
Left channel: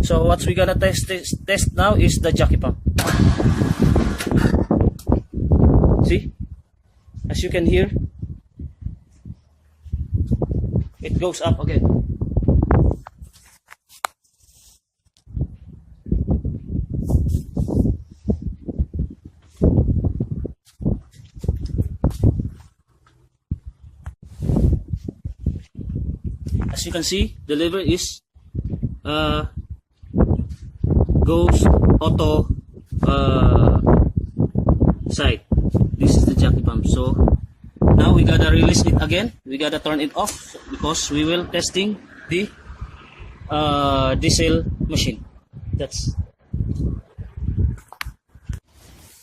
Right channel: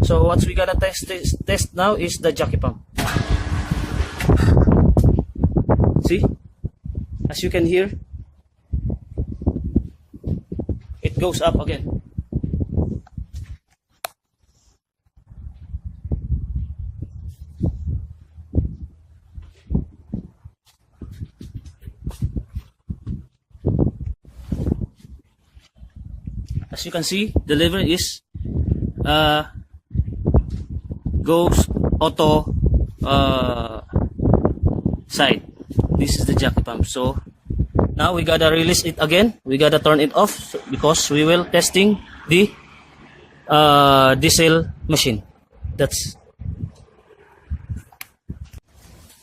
So what we gotta test now is the jockey pump. See, as you can hear, it goes up again. As you can see, the lever is goes auto side. This is the jockey pump. So now we gotta release it again. We gotta turn it off because we will testing the diesel machine. That's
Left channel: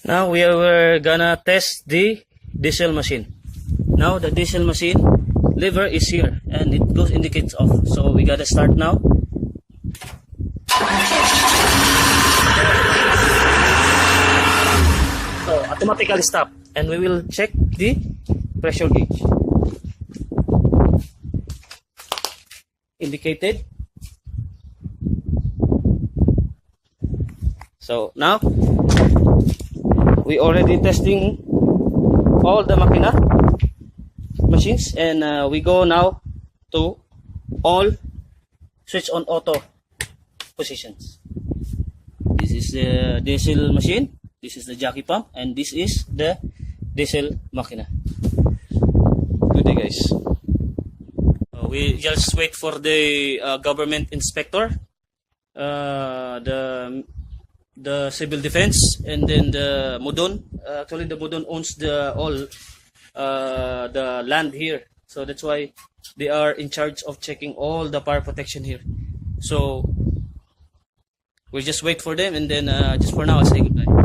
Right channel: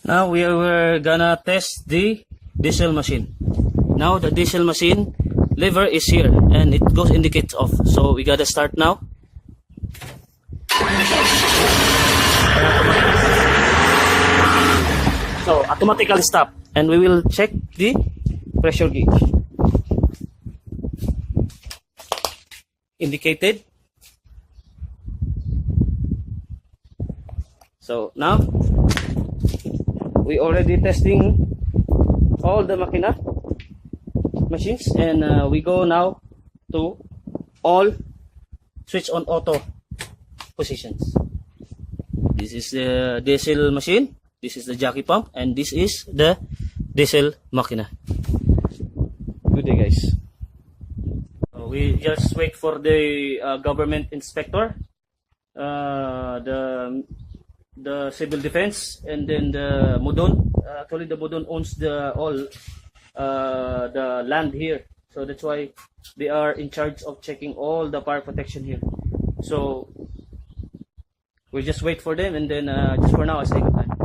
now we are gonna test the diesel machine. Now the diesel machine lever is here and it goes indicates off, so we gotta start now. So automatically stop, and we will check the pressure gauge. Indicated. So now we already testing all the machines, and we go now to all switch on auto positions. This is the diesel machine, this is the jockey pump, and this is the diesel makina. Good day, guys. We just wait for the government inspector, the civil defense, and then the Mudon. Actually, the Mudon owns the land here, so that's why they are in charge of checking all the fire protection here. So we just wait for them, and then just for now, I say goodbye.